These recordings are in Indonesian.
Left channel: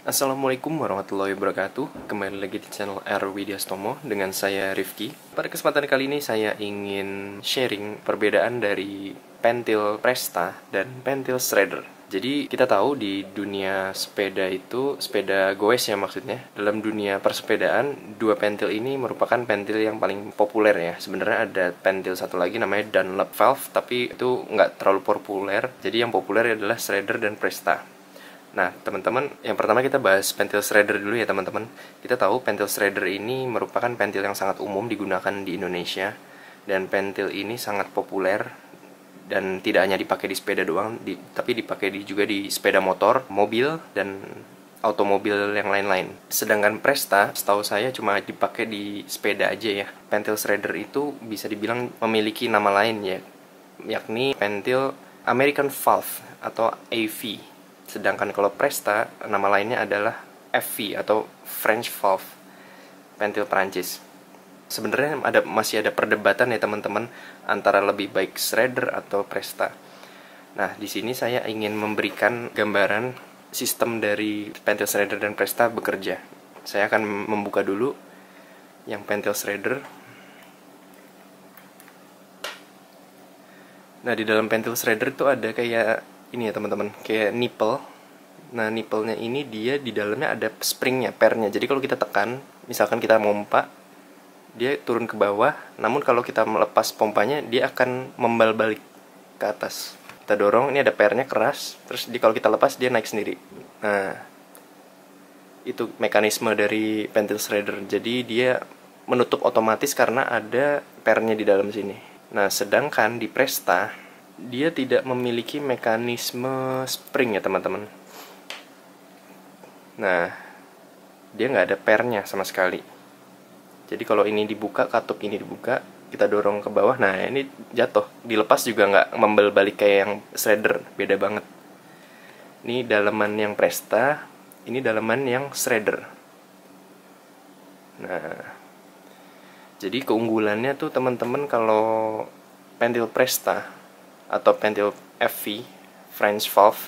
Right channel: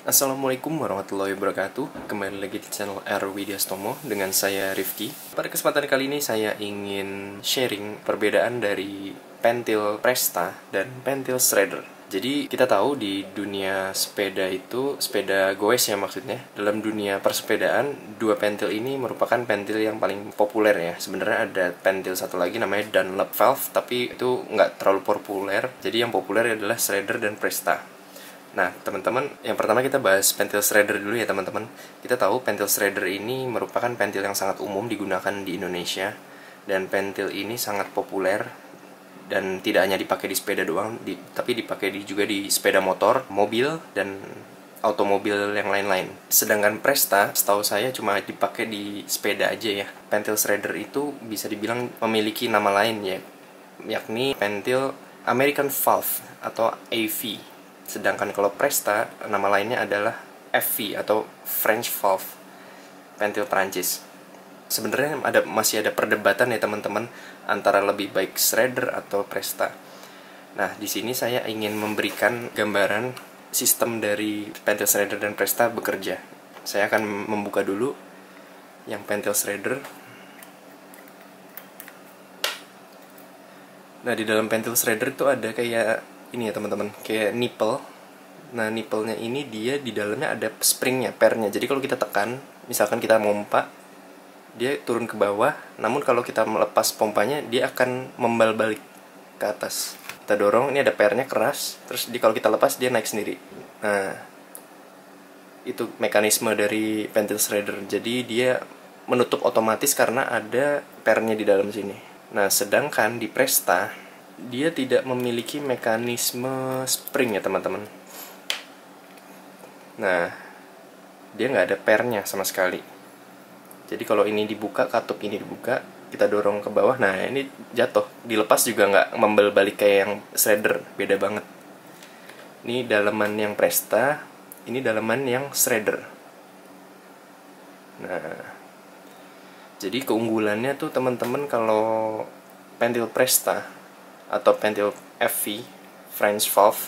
Assalamualaikum warahmatullahi wabarakatuh. Kembali lagi di channel R Widyastomo dengan saya Rifki. Pada kesempatan kali ini saya ingin sharing perbedaan dari pentil Presta dan pentil Shredder. Jadi kita tahu di dunia sepeda itu, sepeda goes ya maksudnya, dalam dunia persepedaan, dua pentil ini merupakan pentil yang paling populer ya. Sebenarnya ada pentil satu lagi namanya Dunlop Valve, tapi itu nggak terlalu populer. Jadi yang populer adalah Shredder dan Presta. Nah, teman-teman, yang pertama kita bahas pentil Shredder dulu ya, teman-teman. Kita tahu pentil Shredder ini merupakan pentil yang sangat umum digunakan di Indonesia, dan pentil ini sangat populer dan tidak hanya dipakai di sepeda doang, tapi dipakai juga di sepeda motor, mobil, dan automobil yang lain-lain. Sedangkan Presta, setahu saya cuma dipakai di sepeda aja ya. Pentil Shredder itu bisa dibilang memiliki nama lain ya, yakni pentil American Valve atau AV. Sedangkan kalau Presta, nama lainnya adalah FV atau French Valve, pentil Prancis. Sebenarnya masih ada perdebatan ya teman-teman antara lebih baik Shredder atau Presta. Nah, di sini saya ingin memberikan gambaran sistem dari pentil Shredder dan Presta bekerja. Saya akan membuka dulu yang pentil Shredder. Nah, di dalam pentil Shredder itu ada kayak ini ya teman-teman, kayak nipple. Nah, nipple-nya ini dia di dalamnya ada spring-nya, pernya. Jadi kalau kita tekan, misalkan kita mompa, dia turun ke bawah. Namun kalau kita melepas pompanya, dia akan membal balik ke atas. Kita dorong, ini ada pernya keras. Terus kalau kita lepas, dia naik sendiri. Nah, itu mekanisme dari pentil Shredder. Jadi dia menutup otomatis karena ada pernya di dalam sini. Nah, sedangkan di Presta, dia tidak memiliki mekanisme spring ya teman-teman. Nah, dia nggak ada pernya sama sekali. Jadi kalau ini dibuka, katup ini dibuka, kita dorong ke bawah, nah ini jatuh. Dilepas juga nggak membal balik kayak yang Shredder, beda banget. Ini daleman yang Presta, ini daleman yang Shredder. Nah, jadi keunggulannya tuh teman-teman kalau pentil Presta atau pentil FV, French Valve,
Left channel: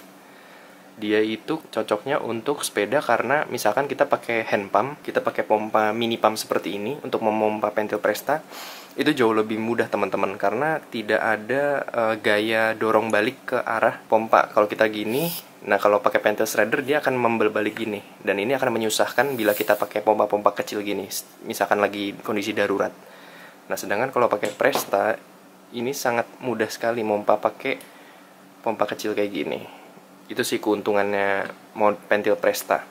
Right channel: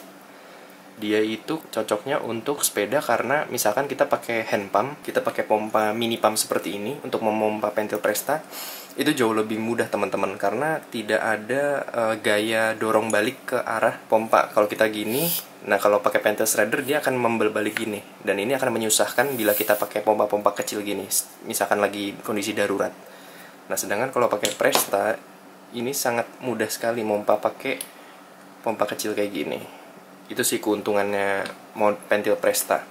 dia itu cocoknya untuk sepeda karena misalkan kita pakai hand pump, kita pakai pompa mini pump seperti ini untuk memompa pentil Presta, itu jauh lebih mudah teman-teman karena tidak ada gaya dorong balik ke arah pompa. Kalau kita gini, nah kalau pakai pentil Shredder dia akan membal balik gini, dan ini akan menyusahkan bila kita pakai pompa-pompa kecil gini, misalkan lagi kondisi darurat. Nah, sedangkan kalau pakai Presta ini sangat mudah sekali mompa pakai pompa kecil kayak gini. Itu sih keuntungannya pentil Presta.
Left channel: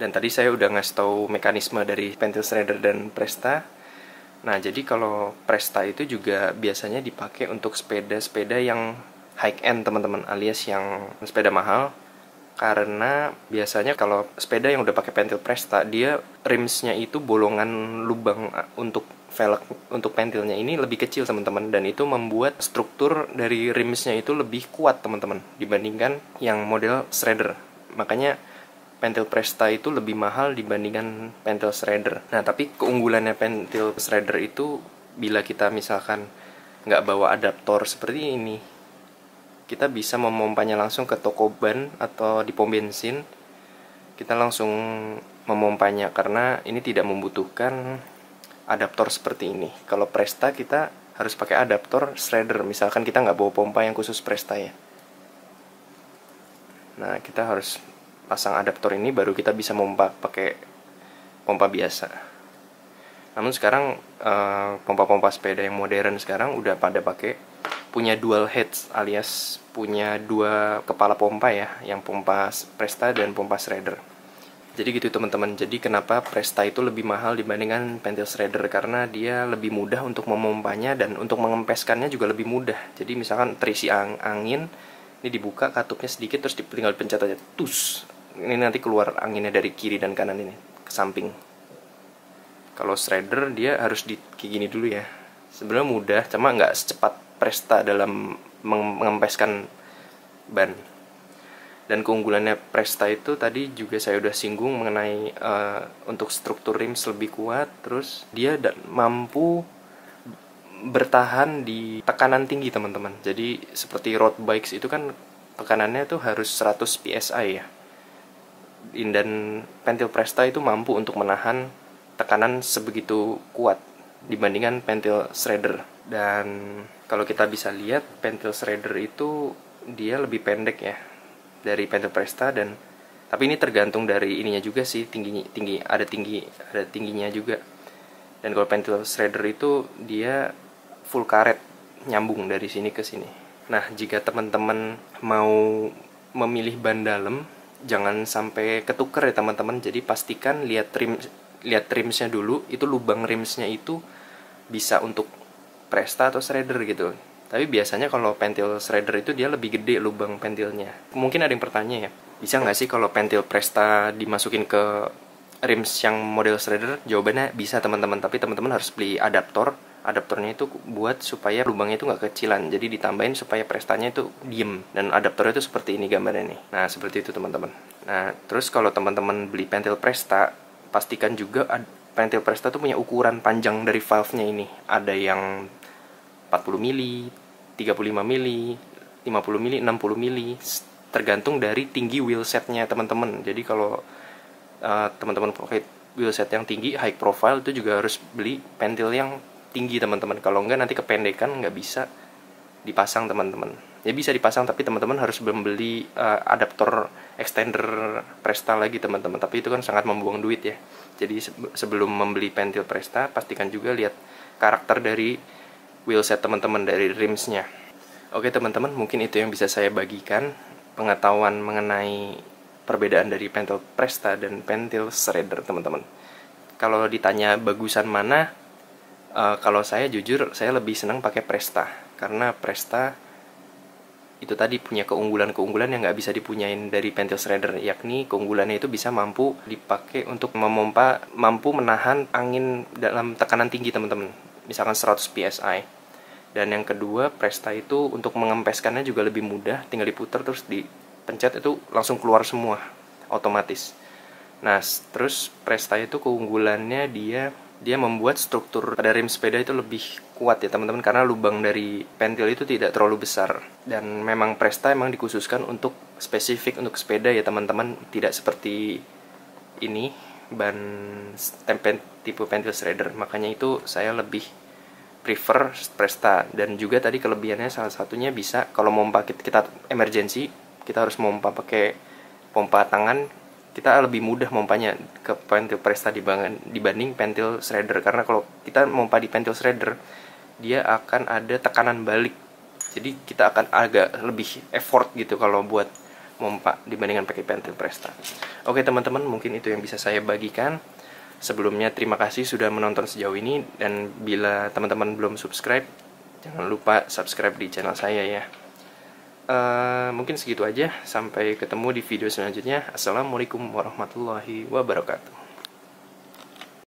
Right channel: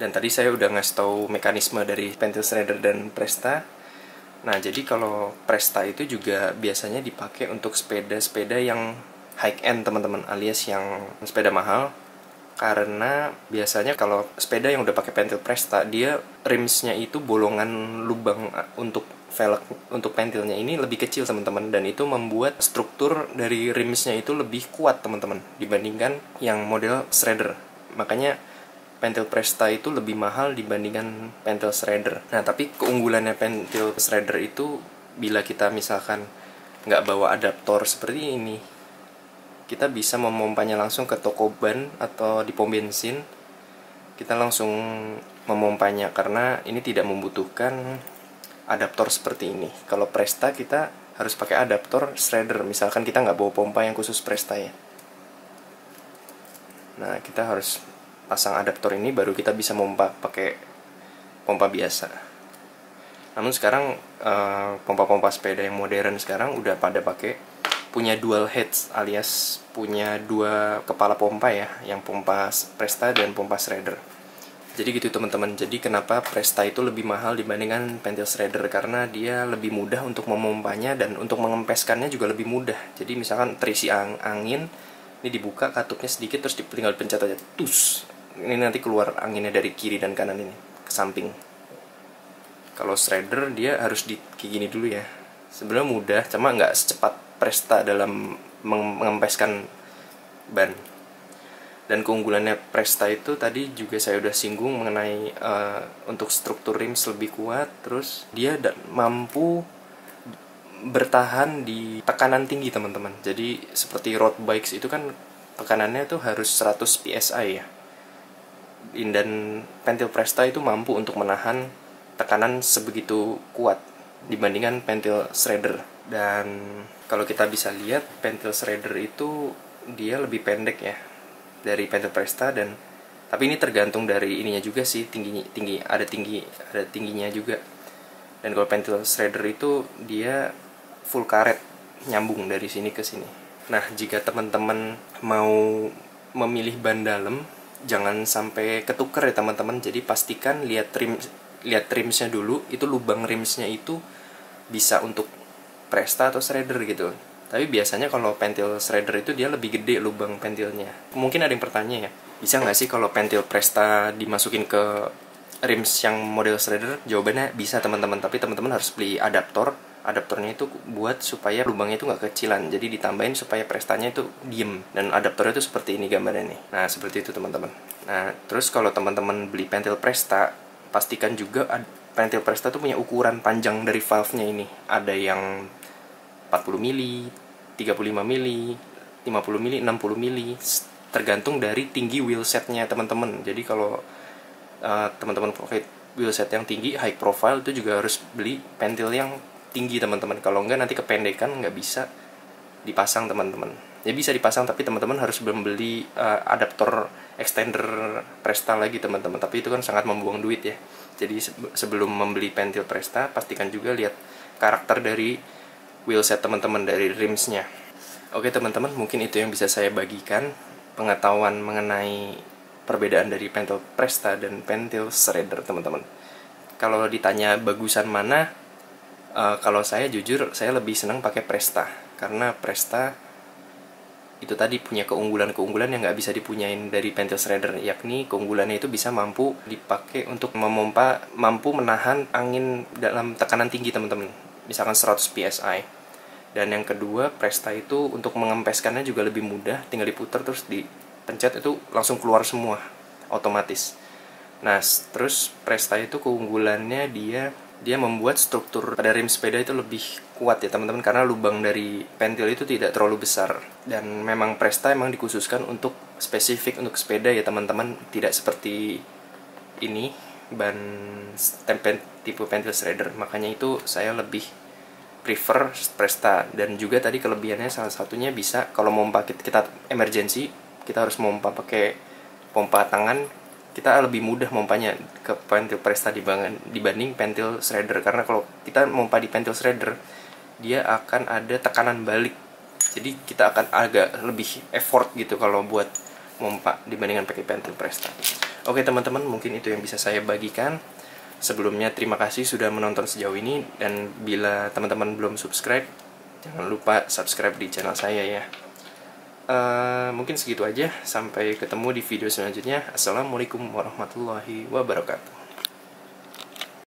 Dan tadi saya udah ngasih tahu mekanisme dari pentil Shredder dan Presta. Nah, jadi kalau Presta itu juga biasanya dipakai untuk sepeda-sepeda yang high end teman-teman, alias yang sepeda mahal. Karena biasanya kalau sepeda yang udah pakai pentil Presta, dia rimsnya itu bolongan lubang untuk velg untuk pentilnya ini lebih kecil teman-teman, dan itu membuat struktur dari rimsnya itu lebih kuat teman-teman dibandingkan yang model Shredder. Makanya pentil Presta itu lebih mahal dibandingkan pentil Shredder. Nah, tapi keunggulannya pentil Shredder itu bila kita misalkan nggak bawa adaptor seperti ini, kita bisa memompanya langsung ke toko ban atau di pom bensin. Kita langsung memompanya karena ini tidak membutuhkan adaptor seperti ini. Kalau Presta kita harus pakai adaptor Shredder, misalkan kita nggak bawa pompa yang khusus Presta ya. Nah, kita harus pasang adaptor ini baru kita bisa mompa pakai pompa biasa. Namun sekarang pompa-pompa sepeda yang modern sekarang udah pada pakai punya dual heads, alias punya dua kepala pompa ya, yang pompa Presta dan pompa Shredder. Jadi gitu teman-teman. Jadi kenapa Presta itu lebih mahal dibandingkan pentil Shredder, karena dia lebih mudah untuk memompanya dan untuk mengempeskannya juga lebih mudah. Jadi misalkan terisi angin, ini dibuka katupnya sedikit terus tinggal pencet aja, tus. Ini nanti keluar anginnya dari kiri dan kanan ini ke samping. Kalau Shredder dia harus kayak gini dulu ya. Sebenarnya mudah, cuma nggak secepat Presta dalam mengempeskan ban. Dan keunggulannya Presta itu tadi juga saya udah singgung mengenai untuk struktur rims lebih kuat, terus dia mampu bertahan di tekanan tinggi teman-teman. Jadi seperti road bikes itu kan tekanannya tuh harus 100 psi ya. dan pentil Presta itu mampu untuk menahan tekanan sebegitu kuat dibandingkan pentil Shredder. Dan kalau kita bisa lihat, pentil Shredder itu dia lebih pendek ya dari pentil Presta, dan tapi ini tergantung dari ininya juga sih, ada tingginya juga. Dan kalau pentil Shredder itu dia full karet, nyambung dari sini ke sini. Nah, jika teman-teman mau memilih ban dalam, jangan sampai ketuker ya teman-teman. Jadi pastikan lihat rimsnya dulu, itu lubang rimsnya itu bisa untuk Presta atau Shredder gitu. Tapi biasanya kalau pentil Shredder itu dia lebih gede lubang pentilnya. Mungkin ada yang bertanya ya, bisa nggak sih kalau pentil Presta dimasukin ke rims yang model Shredder? Jawabannya bisa teman-teman, tapi teman-teman harus beli adaptor. Adaptornya itu buat supaya lubangnya itu nggak kecilan, jadi ditambahin supaya Prestanya itu diem. Dan adaptornya itu seperti ini gambarnya nih. Nah, seperti itu teman-teman. Nah, terus kalau teman-teman beli pentil Presta, pastikan juga pentil Presta tuh punya ukuran panjang dari valve-nya ini. Ada yang 40 mili, 35 mili, 50 mili, 60 mili, tergantung dari tinggi wheelsetnya teman-teman. Jadi kalau teman-teman pakai wheelset yang tinggi, high profile, itu juga harus beli pentil yang tinggi teman-teman. Kalau enggak nanti kependekan, nggak bisa dipasang teman-teman. Ya bisa dipasang, tapi teman-teman harus membeli adaptor extender Presta lagi teman-teman. Tapi itu kan sangat membuang duit ya. Jadi sebelum membeli pentil Presta, pastikan juga lihat karakter dari wheelset teman-teman, dari rimsnya. Oke teman-teman, mungkin itu yang bisa saya bagikan, pengetahuan mengenai perbedaan dari pentil Presta dan pentil Shredder teman-teman. Kalau ditanya bagusan mana, kalau saya jujur saya lebih senang pakai Presta, karena Presta itu tadi punya keunggulan-keunggulan yang nggak bisa dipunyain dari pentil Shredder, yakni keunggulannya itu bisa mampu dipakai untuk memompa, mampu menahan angin dalam tekanan tinggi teman-teman, misalkan 100 psi. Dan yang kedua, Presta itu untuk mengempeskannya juga lebih mudah, tinggal diputar terus dipencet itu langsung keluar semua otomatis. Nah, terus Presta itu keunggulannya dia membuat struktur pada rim sepeda itu lebih kuat ya teman-teman, karena lubang dari pentil itu tidak terlalu besar. Dan memang Presta emang dikhususkan untuk spesifik untuk sepeda ya teman-teman, tidak seperti ini ban tipe pentil Shredder. Makanya itu saya lebih prefer Presta. Dan juga tadi kelebihannya salah satunya bisa kalau pompa kita emergency, kita harus pompa pakai pompa tangan, kita lebih mudah mompanya ke pentil Presta dibanding pentil Shredder. Karena kalau kita mompa di pentil Shredder, dia akan ada tekanan balik, jadi kita akan agak lebih effort gitu kalau buat mompa dibandingkan pakai pentil Presta. Oke teman-teman, mungkin itu yang bisa saya bagikan. Sebelumnya terima kasih sudah menonton sejauh ini, dan bila teman-teman belum subscribe, jangan lupa subscribe di channel saya ya. Mungkin segitu aja, sampai ketemu di video selanjutnya. Assalamualaikum warahmatullahi wabarakatuh.